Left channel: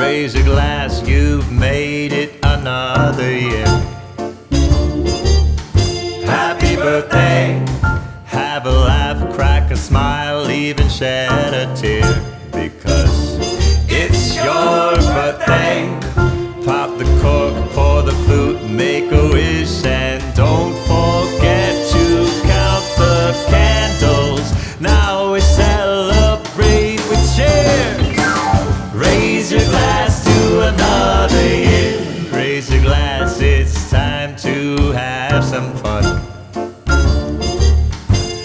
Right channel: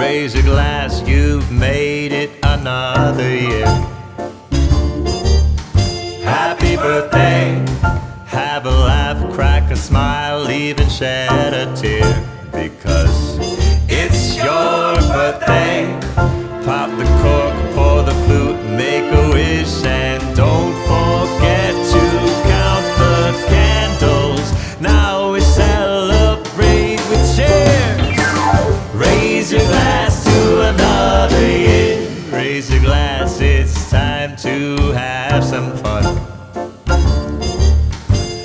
Raise your glass, you've made it another year. Happy birthday, have a laugh, crack a smile, even shed a tear. Because it's your birthday. Pop the cork, pour the flute, make a wish, and don't forget to count the candles. Now we celebrate with cheers. Raise your glass to another year. Raise your glass, it's time to have some fun.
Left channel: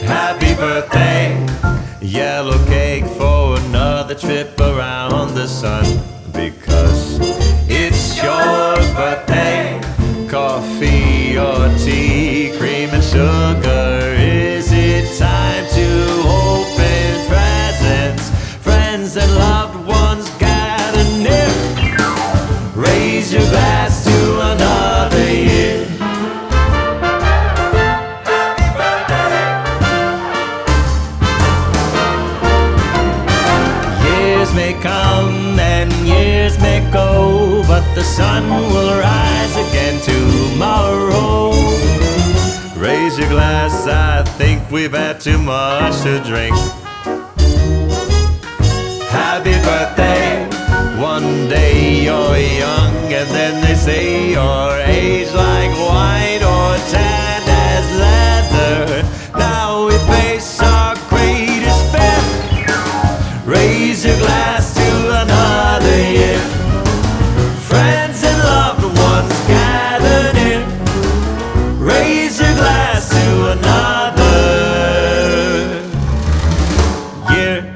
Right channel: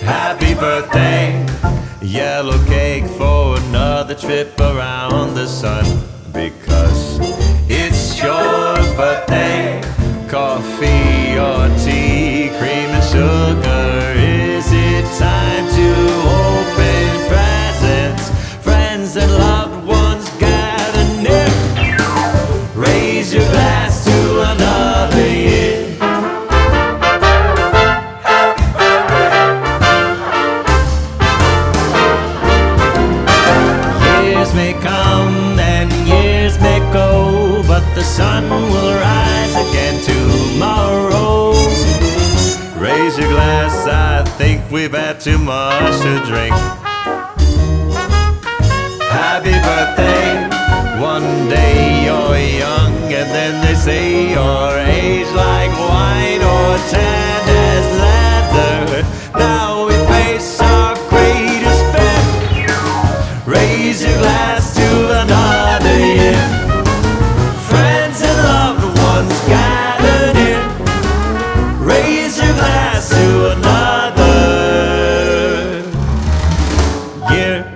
Happy birthday, yellow cake for another trip around the sun. Because it's your birthday. Coffee or tea, cream and sugar. Is it time to open presents? Friends and loved ones gather near. Raise your glass to another year. Years may come and years may go, but the sun will rise again tomorrow. Raise your glass, I think we've had too much to drink. Happy birthday, one day you're young, and then they say you're aged like wine or tanned as leather. Now we face our greatest fear. Raise your glass to another year. Friends and loved ones gather near. Raise your glass to another year.